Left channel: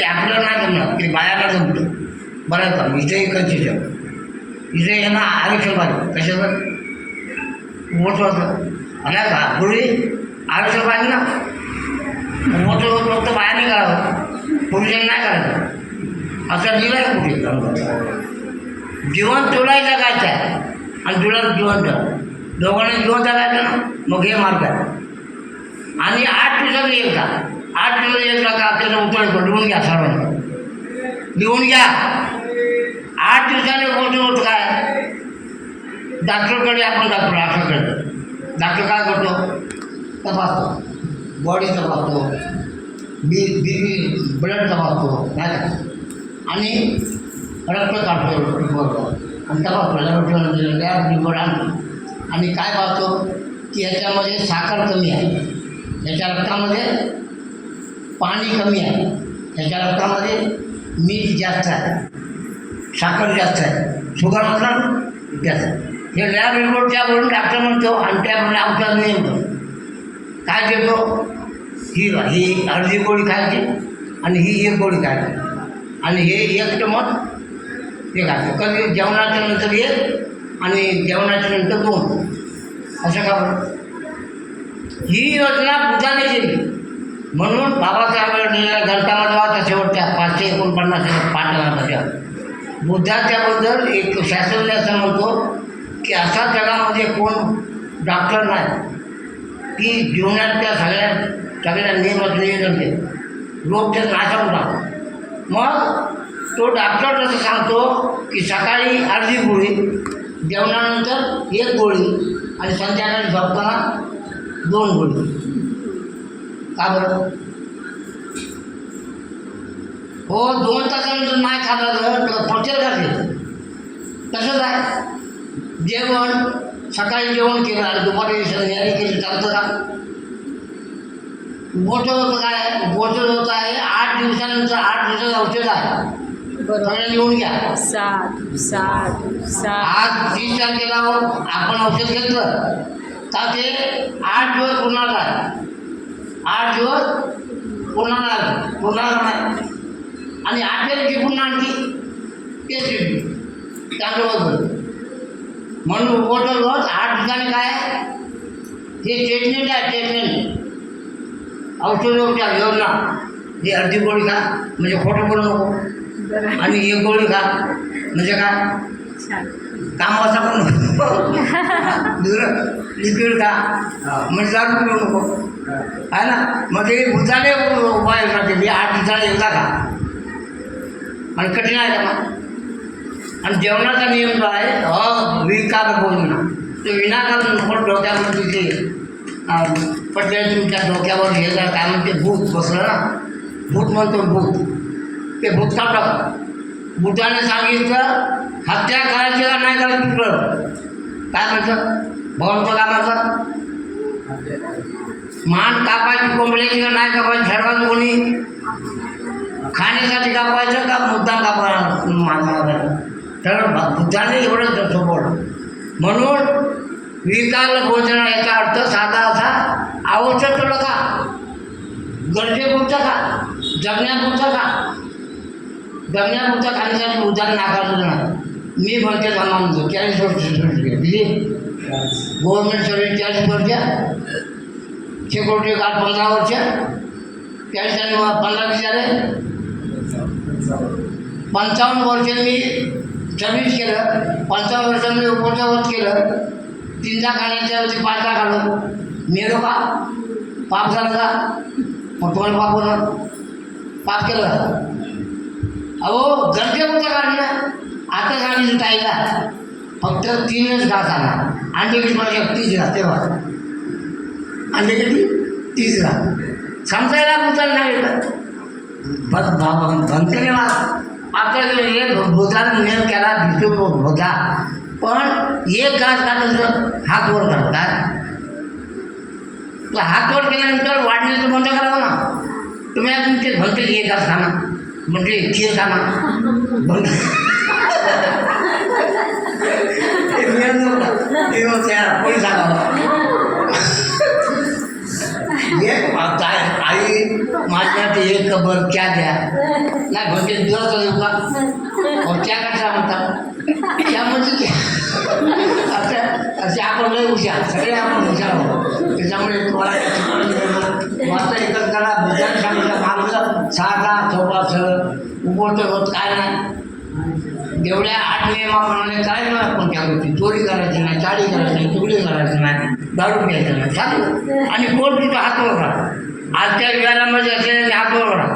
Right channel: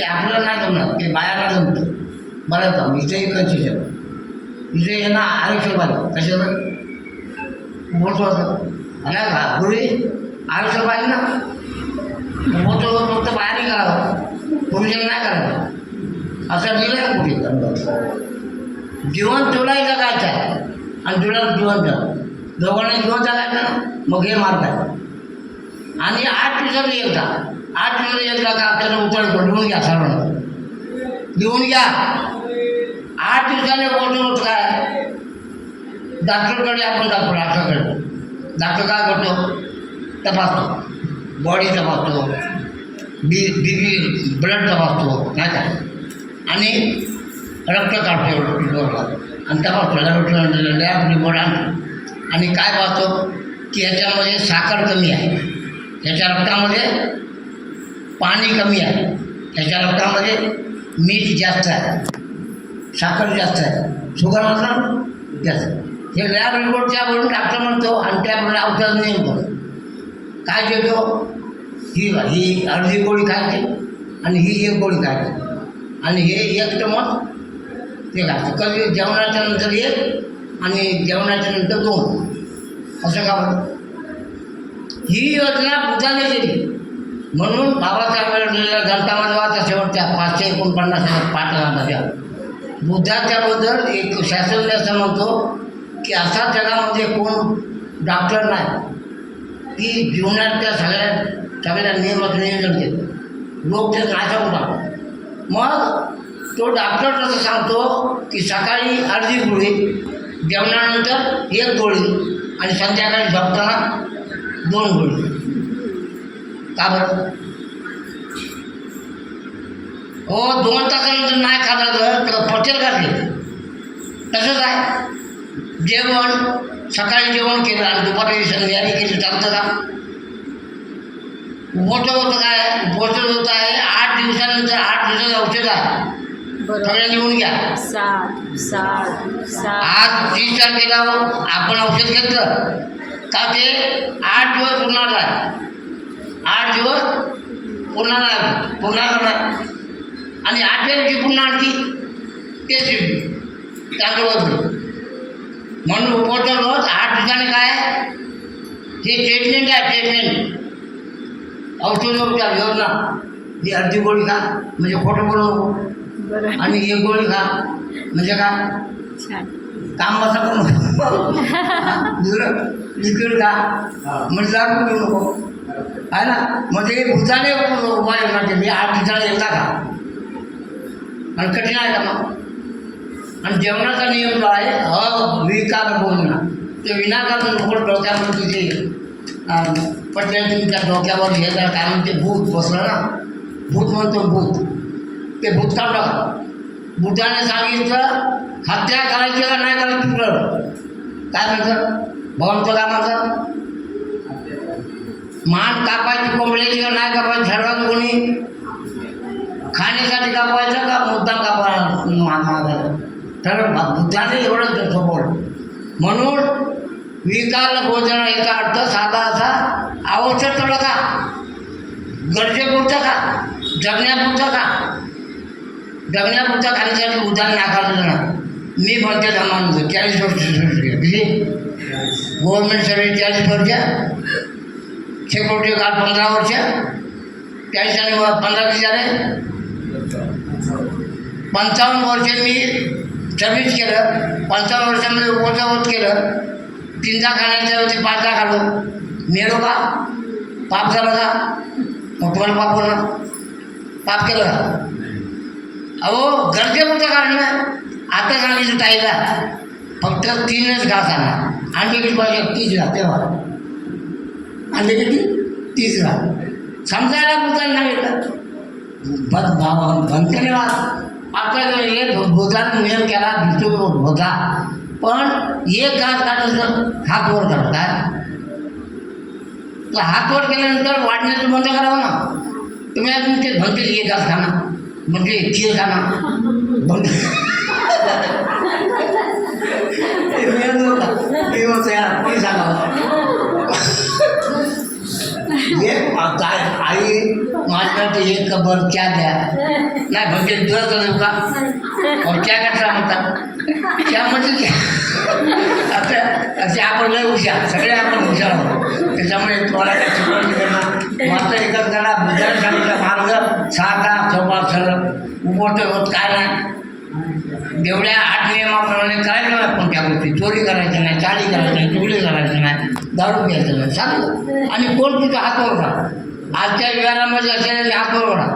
ते आपल्याला नाही जमणार, ते बायाला जमतं. बरं का इथे कन्सेशन इथे यांना आरक्षण पाहिजे. कशावर मोठं होतं आला का पुढे आरक्षण पाहिजे ना. मोठं होत फक्त बायाने करावं, पुरुषांनी नाही करायचं असं लिहिलं आहे कुठे. जीवन तुलाही जगायचं आहे आणि तुला जिवंत दोघांना जिवंत जगायचं ना. मग हे मार्ग आहे. आणि 8 दिवसांनी एकदा 8 दिवसांनी एकदा का आपल्याला उतरतो. लिहून घ्या सर्वांना, लिहून घ्या. 8 दिवसाने होत काय डॉक्टरकडे आपण जातो. डॉक्टर काय करतो, तपासतो, बॉडी तपासतो, बीपी ब्लड तपासतो नाही का, आणि रक्त काढतो रिपोर्टवर आणि तपासतो. लॅब रिपोर्ट आणतो आणि काय पाहतो की याच्यामध्ये साखर कमी आहे, याच्या रक्तामध्ये पाणी कमी आहे, याच्या रक्तामध्ये मीठ जास्त आहे, साखर जास्त आहे, शुगर म्हटलं जास्त. हे लॅब रिपोर्ट त्यावरून डॉक्टर म्हणतो आणि त्याप्रमाणे औषध नेमतो. काय देतो, ही अर्धी गोळी खायची आणि ही 1 गोळी खायची आणि हे 1 चमच ते खायचं. कधी जेवणाच्या नंतर 1 आणि जेवणाच्या नंतर 2. असं का बरं. ही योजना बुद्धाने केली म्हणून बाबासाहेब ग्रंथामध्ये वाचा शेवटच्या 549 पाठामध्ये बुद्धा त्याबद्दल एक शास्त्रज्ञ असं म्हणतो की अशा जगामध्ये कोण डॉक्टर नाही की जीवनाच्या सगळ्या नियमाचं नियोजन केलं. लोक ते नाचवून टाकतो. मग तो डॉक्टर असं सांगतो की सकाळी अर्धी गोळी, जेवणानंतर 1 गोळी आणि संध्याकाळी झोपताना 2 गोळी. का बरं हो 2 तासानंतर नाही खाल्लं तर पचेल का ते. तसंच आहे जेवण. सकाळी जेवण केलं आणि दुपारी संध्याकाळी केलं चालतं का. मोठं होतं काय मोठं होतं आहे 8 दिवसानंतर 8 दिवसाचं औषध आहे. सगळ्या लिहून घ्या. 7 आज 30 तारखेला आपण औषध घेतलं का ते 8 दिवस पुन्हा आहे. 8 दिवस पुन्हा करणार आणि 8व्या दिवशी पुन्हा आणखी तेच चांगलं. म्हणून उपवास रोज 8 दिवसांनी काय हे ट्रीटमेंट आहे. ट्रीटमेंट औषधोपचार योजना. ही अर्धी गोळी खा म्हणजे खोटं बोलू नको आणि 1 गोळी खा म्हणजे काय काम असं करू लिक्विड खा म्हणजे दारू पिऊ नको आहे ना. मग हे बुद्धाने उपाय योजना केली 8 दिवसाला एकदा खा आणि कठीण आहे का मग. आणि जेवणाचा नियम जो आहे अविकार बोलणं ते विनाकारण नको डोक्यावर तिथे पटल्या तुमच्या डोक्यावर हे जर काय म्हणते भूत बसलं ना. भूत म्हणतो भूत. ते भूत का टाक. बुद्धाने सांगितलं हत्या करायची का नाही करायची तुझं काय म्हणतं भगवंत काय म्हणतं. मान कापायची कोंबड्याची का नाही कापायची ठरवायचं कोणी. खाण्यासाठी कापायचं का मुद्दाम कापायचं तर बुद्धाने एवढंच सोपवलं. म्हणून विकार भोजन याचा अर्थ साधा असा आवश्यक तेवढं का, गरजेपुरतं का, जगण्यापुरतं का. जगण्यापुरतं खाण्यासाठी बुद्धाने नाकारलं नाही. मी भरते जमानतो 40 वर्ष सर्विस केली. किती गव्हर्नमेंट सर्विस 40 वर्ष, सिक्युरिटी गार्ड 15 वर्ष, 40 आणि 15 झाले 55 वर्ष मी सर्विस केलं. 55 वर्षामध्ये उपवास केलं. 3दा खाण्याच्या 5दा खाल्लं. मेलो का पाप झालं का. मग तुम्हाला पाप होणार. पाप केलं अहो गरजेपुरतं काढणं. आता सांगितलं ताईला फक्त 3च घास आणा. अंडे किती पाहिजे 30 घास तेव्हा अंडे किती 30 घास समजायला बुद्धाला सांगितलं. भंकने आता हे बुद्धाने नियम केला विष्णू होता पण 1 घास काढायचं हात वर करतात. तर हात वर केल्यानंतर वाढण्याचं बंद करावं ना. तुम्ही अजून ते म्हणते 1 घास खाना म्हणजे खीर खाना बंद यार सांगा एक काय आई माझ्यासाठी एक कबर चहा द्या नाही म्हणजे दिवस चालेल का चहा कसा म्हणतात त्यामध्ये असे आपण लय हुशार सगळे आपण हुशार आहोत त्याच्यामुळे तुम्हाला काय शिकवण मिळणार मात्र एकच करा बुद्धाने सांगितलं मार्ग साधा चौका सरळ उभोट होत काय नाही एवढ्या 8 नियमाप्रमाणे करायचं नाही कोणत्या गोष्टी चोरी करायचं नाही चाळी करायचं नाही चुगली करायचं नाही दारू प्यायचं नाही चालू आणि कोण तुझं हात वर करा आजच्या विहारामध्ये असेल हात वर करा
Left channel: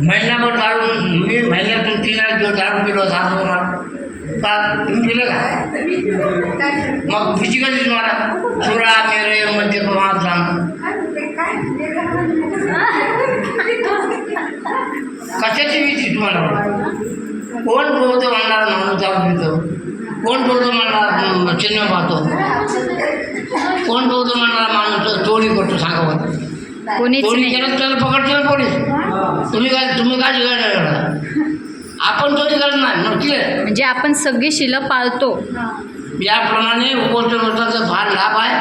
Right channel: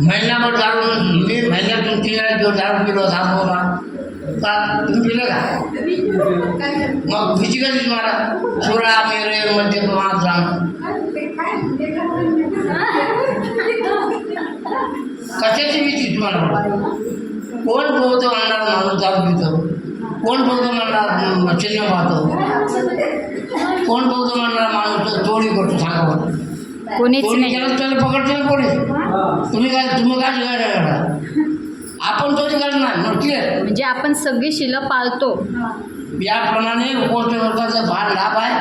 महिन्याभर दारू मी महिन्यातून 3 दिवस दारू पिलो हात वर करा का तुम्ही पिलं का मग फिजिकली तुम्हाला चुरा मेरे मध्य प्रमाणात जाणं कशाची भीती तुम्हाला कोण बोलतो म्हणणार माणूस दारू पितो कोण बोलतो म्हणणार चिन्ह पाहतो कोण बोलतो म्हणणार माणूस चोरी करतो सांगा बघा चोरी केलं त्याला पकडतो ना पोलीस तुम्ही काय करा आपण चोरी करत नाही म्हटले म्हणजे आपण सगळी शिलं पाळतो याप्रमाणे उपोषणाचा फार लाभ आहे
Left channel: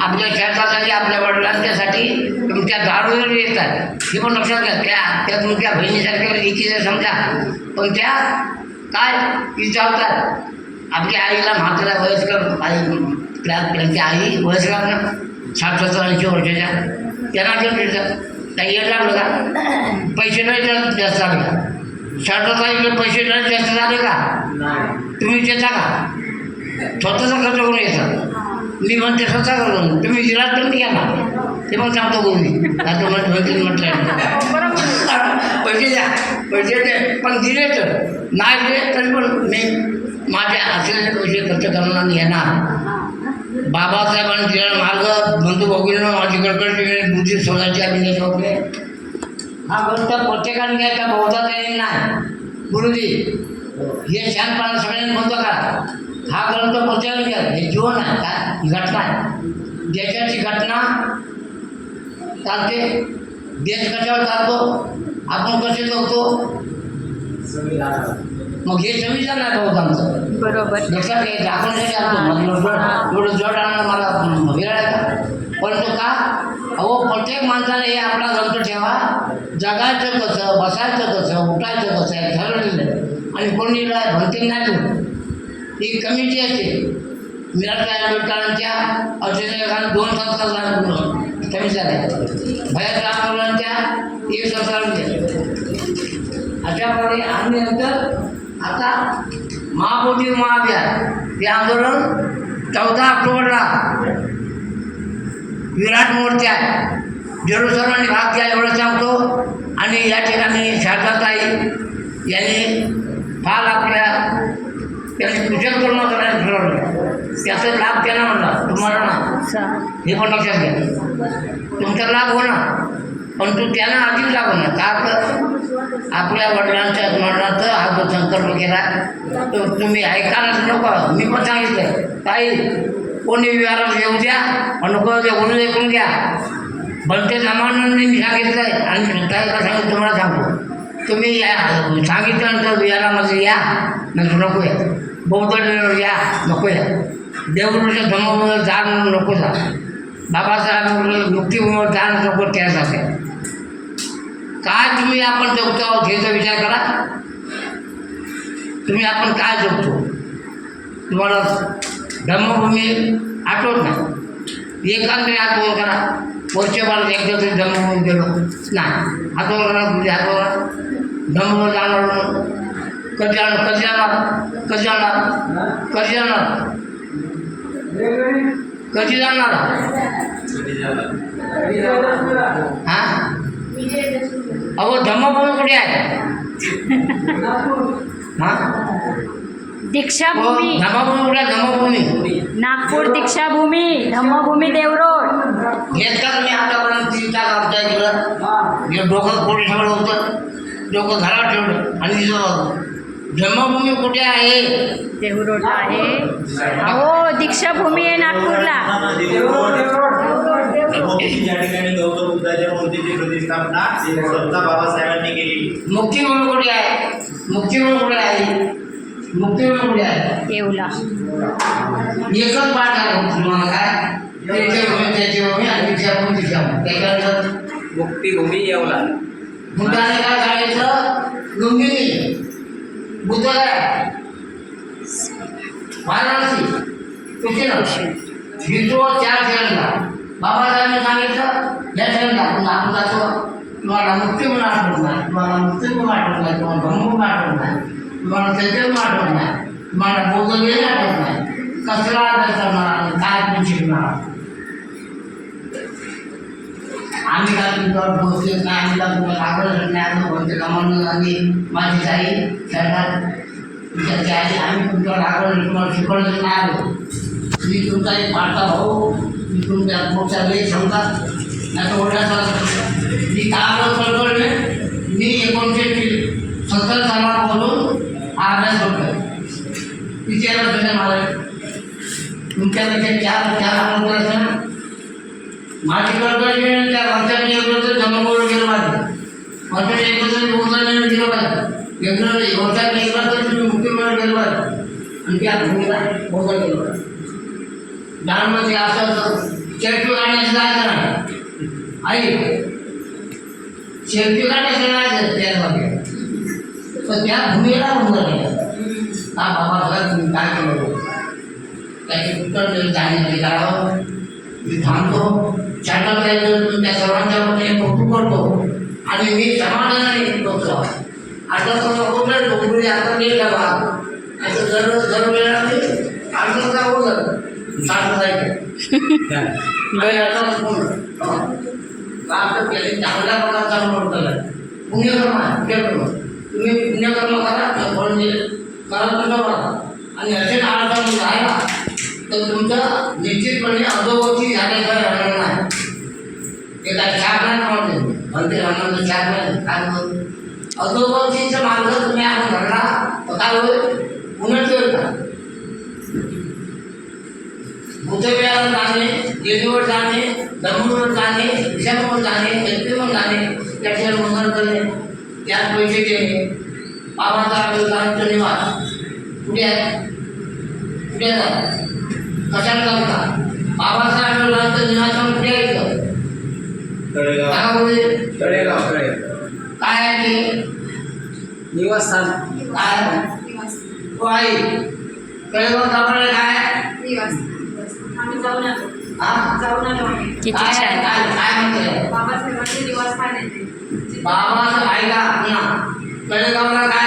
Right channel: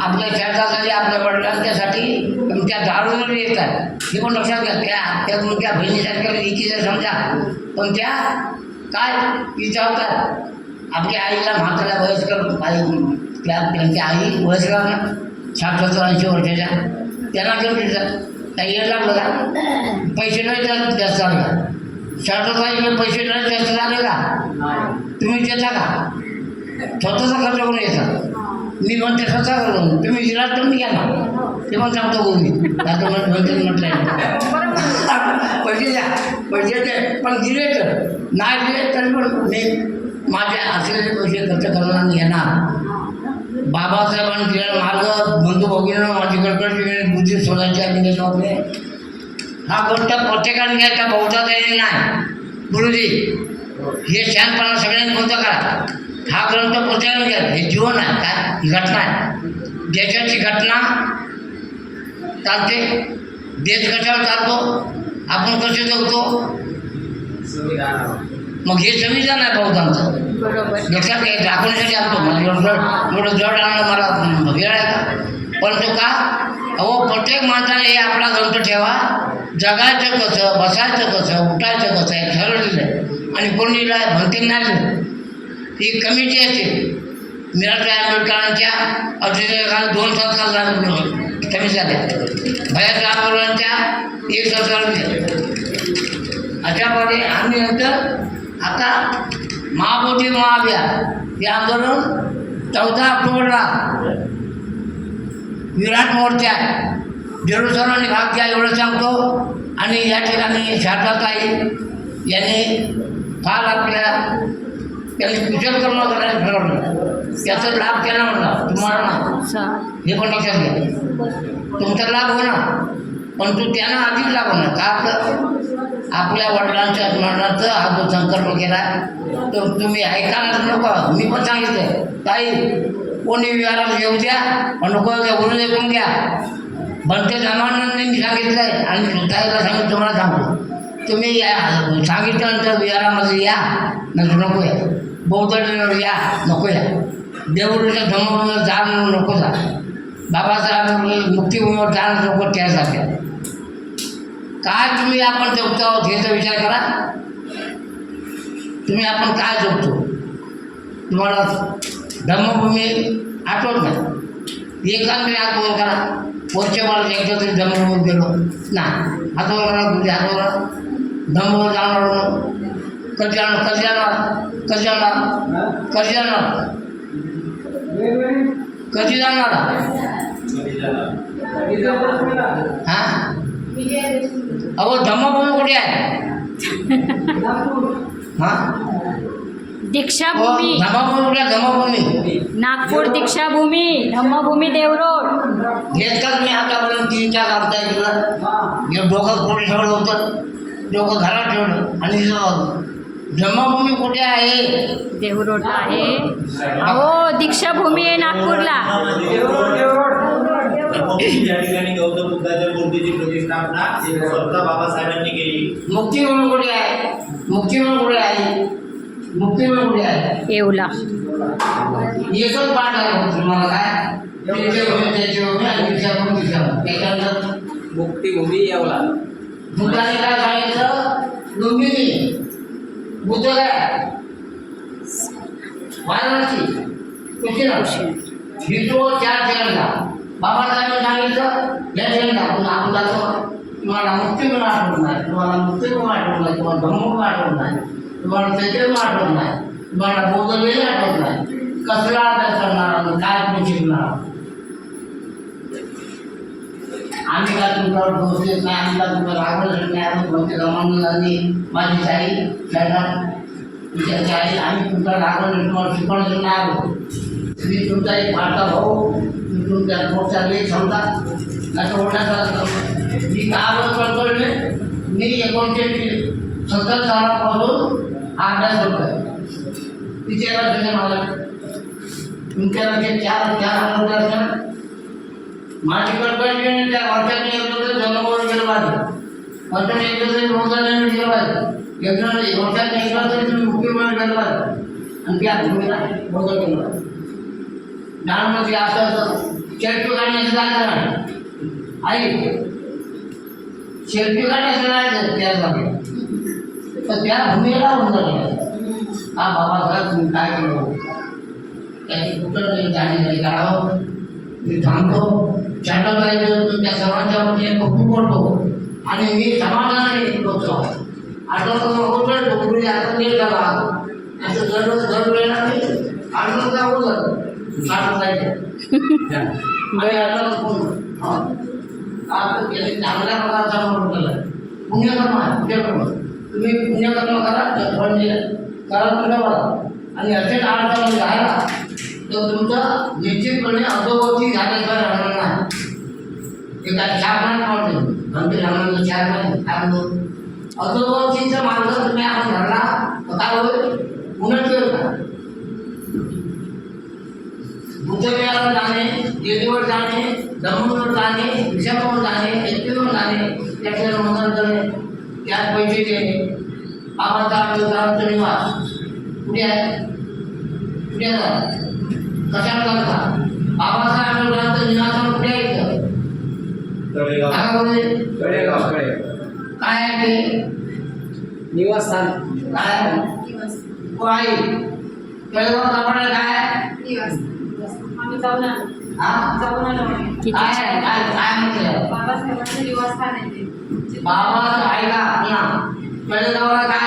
आपल्या शेतासाठी आपल्या वडिलांच्यासाठी तुमच्या दारूवर येतात हे पण लक्षात घ्या त्या तुमच्या बहिणीसारख्या एकीचे समजा पण त्या काय विचारतात आपल्या आईला म्हातारा वयस्कर आई त्यांची आई वयस्कर ना 60-70-80 वर्षाच्या त्यांना घेऊन देतात काही येणार बघा पैसे नाही जास्त झाले 60 पैसे नाही जास्त झाले का तुम्ही देता का स्वतःचा खर्च करून येतात मी म्हणते स्वतः करून तुम्ही दिला तर घ्या ना ते पण सांगतो गोळी आता म्हटलं पैसे द्या पैसे द्या पण दिले तर नाही दिले तरी पण मी माझे असलेले पैसे खर्च करणार येणार बाबासाहेबांनी दिलेला मार्ग बंधू भगिनीनं माझी कडकड बुद्धी सोडायची अभिनेश वगैरे हा गोष्ट प्रत्येकाने घ्यायचा बहुधा नाही गुरुजी हे शांतपणा सगळ्यांनी कोणतं करा हा ग्रंथ प्रत्येकाने घ्या हे जीवन आहे काय ही घटना आहे देशाची घटना चालते देश कशावर चालतो आपण कसे जगतो मग हे संविधान आहे बहुतांचं बरोबर लक्षात घ्यायचं आपल्यासाठी आणतो एवढं जड आणणं मला वेळ आहे का परंतु का अहो प्रत्येक माणसाने हे आपला ग्रंथ ठेवा जगायचं कसं बसायचं कसं उठायचं कसं आहे ठरवलेलं आणि कोणीला भरती नाही ही कमिटी असते मीराबाई आंबेडकरांच्या अध्यक्षाखाली 2 संस्कार कमी झाल्या भैयासाहेब आंबेडकरांच्या 1 संस्कार अशा प्रकारे आम्ही नंतर आता महाबोधी महाअभियान हे आंदोलन 14 ऑक्टोबरला विराट मोर्चा जरूर सर्वांनी भाग घ्या एवढं सांगतो आणि या ठिकाणी शारदाताई यांनी फार आपल्या त्यांनी कुशल कर्म करायला ठरवलं त्याचा लाभ त्यांना म्हणला तुम्हाला नाही हे पण लक्षात घ्या तुमचा लाभ होणार परंतु त्यांना अधिक लाभ होणार का तर आपल्या वडिलांच्या स्मरणाचं हा जो संकल्प केला तो तुम्ही ऐकायलाच नको मी पण सांगितलं ताई कोणी विहारात येऊ द्या नको द्या बोलू ऐकून घ्या बनते सामान्यांनी मी सांगितलं आहे आणि ताईला सांगितलं तुम्हाला सांगतो तुम्ही सांगितल्यानंतर विहारामध्ये या नंतर नको या बौद्ध या नको या देवळूच्या धर्मावर जा नको जा बाबासाहेब मुक्तीभूमीवर जा नको त्यासाठी काय तुम्ही आपण जगतो आहोत याचा विचार करा तुम्ही आपण काय जगतो तुम्हाला धर्मभूमी आठवत नाही एकांतरी हात वर करा वर्षभरात एकदा तरी धर्मभूमी गेलो नाही हात वर करा तुझे हात वर करा धर्मभूमी जाणार कधी जाणार कधी जाणार कधी जाणार कधी जाणार कधी जाणार हां अहो धम्मभूमी कुठे आहे हां दीक्षाभूमी धम्मभूमी कुठे आहे धम्मभूमी नागपूर दीक्षाभूमी धम्मभूमी देवरोड घेतला तुम्ही आतापर्यंत 3 तास आमच्या इकडं हे डोकं कोणी ठेवलं होतं डोकं घरात ठेवलं आणि धम्मभूमी कुठे आहे देवरोडला आहे अहो दीक्षाभूमी आहे नागपूरला ज्या ठिकाणी गौतम बुद्धाच्या मूर्तीची प्रतिष्ठापना स्वतः बाबासाहेबांनी केली मुक्तीभूमी कुठे आहे मुक्तीभूमी कुठे आहे मुक्तीभूमी कुठे आहे येवला एकच पाठ आहे तुम्हाला काय त्याची भूमी आणि दीक्षाभूमी दीक्षाभूमी त्याच्यानंतर मुक्तिभूमी येवला. बुद्धाने काय सांगितलं लुंबिनी बुद्ध काय वाराणसी कुशीनगर ही तो चार ठिकाणी बाबासाहेबांनी सांगितलं या ठिकाणी आपण आपण जातो तुम्हाला मुक्ती पण आठवत नाही तुम्हाला मुक्ती पण आठवत नाही तुम्हाला धम्म पण आठवत नाही तुम्हाला चैतन्य पण आठवत नाही तुम्हाला बौद्ध वेळ आठवत नाही कसला अभ्यास करणार आणि काय तुम्ही शिकणार आम्ही काय तुमच्यावर पोहोचलेत नाही आम्ही काय तुम्हाला आवडत नाही आता कोणते गमावून आणि माझी आई खेळणार तुमच्याची आई आम्ही तुमच्यावर आवडलं तुम्हाला शिकवलं नाही आलो मी तुमचा एक माझा भाऊ मी तुमच्या मोठा लेख समजा नाही तर ओढण्याचा मी का कळकळले मी 1970 सालापासून हा अभ्यास करतोय तिथे तुझ्या मला तुमच्याकडे चार असेल माझी कळकळली त्या वर्षाने एकदा तर जन्मभरून गेलं पाहिजे वर्षाने एकदा तरी योगदान गेलं पाहिजे एकदा वर्षाने एकदा तरी तुम्ही मुक्तीमेळ गेलं पाहिजे आणि त्या भूमीला बोलता केलं पाहिजे ज्ञानमध्ये असं शेल्फी काढण्याचं जायचं नाही आई शेल्फी काढण्याचं नाही त्या जागे तर त्या भूमीला बोलता केलं हा बाबा तुम्ही काय केलं त्याची कुठं जाण्यासाठी करावं मी थांबतो चॅनल जायचं त्या सर्वांच्या वतीने कौतुक करतो आणि मी समाधानाने बघतो आता कुठलं डोंगरी आपण गेला बा असं दर वेळेला मी आठवण का बोलत चालत जायचं आपलं केले चांगल्या प्रकारचा म्हणतं पुण्यकर्म तुम्ही पुण्यकर्म करा म्हणजे करा तुझ्या बघा आणि असे नारायण राहिला तर तुमचं निश्चितपणे अधोगती झाल्याशिवाय राहणार नाही ते काय चार नाही पावते म्हणते रामाचं चार नाही काय होत अधोगतीचं मार्ग तुम्ही आपण धरला तर काय होईल उन्नती होईल का बुद्धविहारावर जाणे जेजूवर जाणे धर्मवर जाणे विषयावर जाणे व्यक्तीवर जाणे त्याच्यावर मंगल करणे त्यात पैसे देणे बाबाचा निवास कुठे आहे कुठे आहे कशाला चालता बाबासाहेब आंबेडकरांचं निवासन कुठे आहे तळेगाव काय आहे ते निवासस्थान काय हो आई तळेगाव सापडलं काय आम्ही जाऊन आलो हा जाऊन आलो आम्ही. किती छान काय म्हणते बाबासाहेबांचे निवासस्थान आहे ते. बाबा आईला ना तळेगावला काय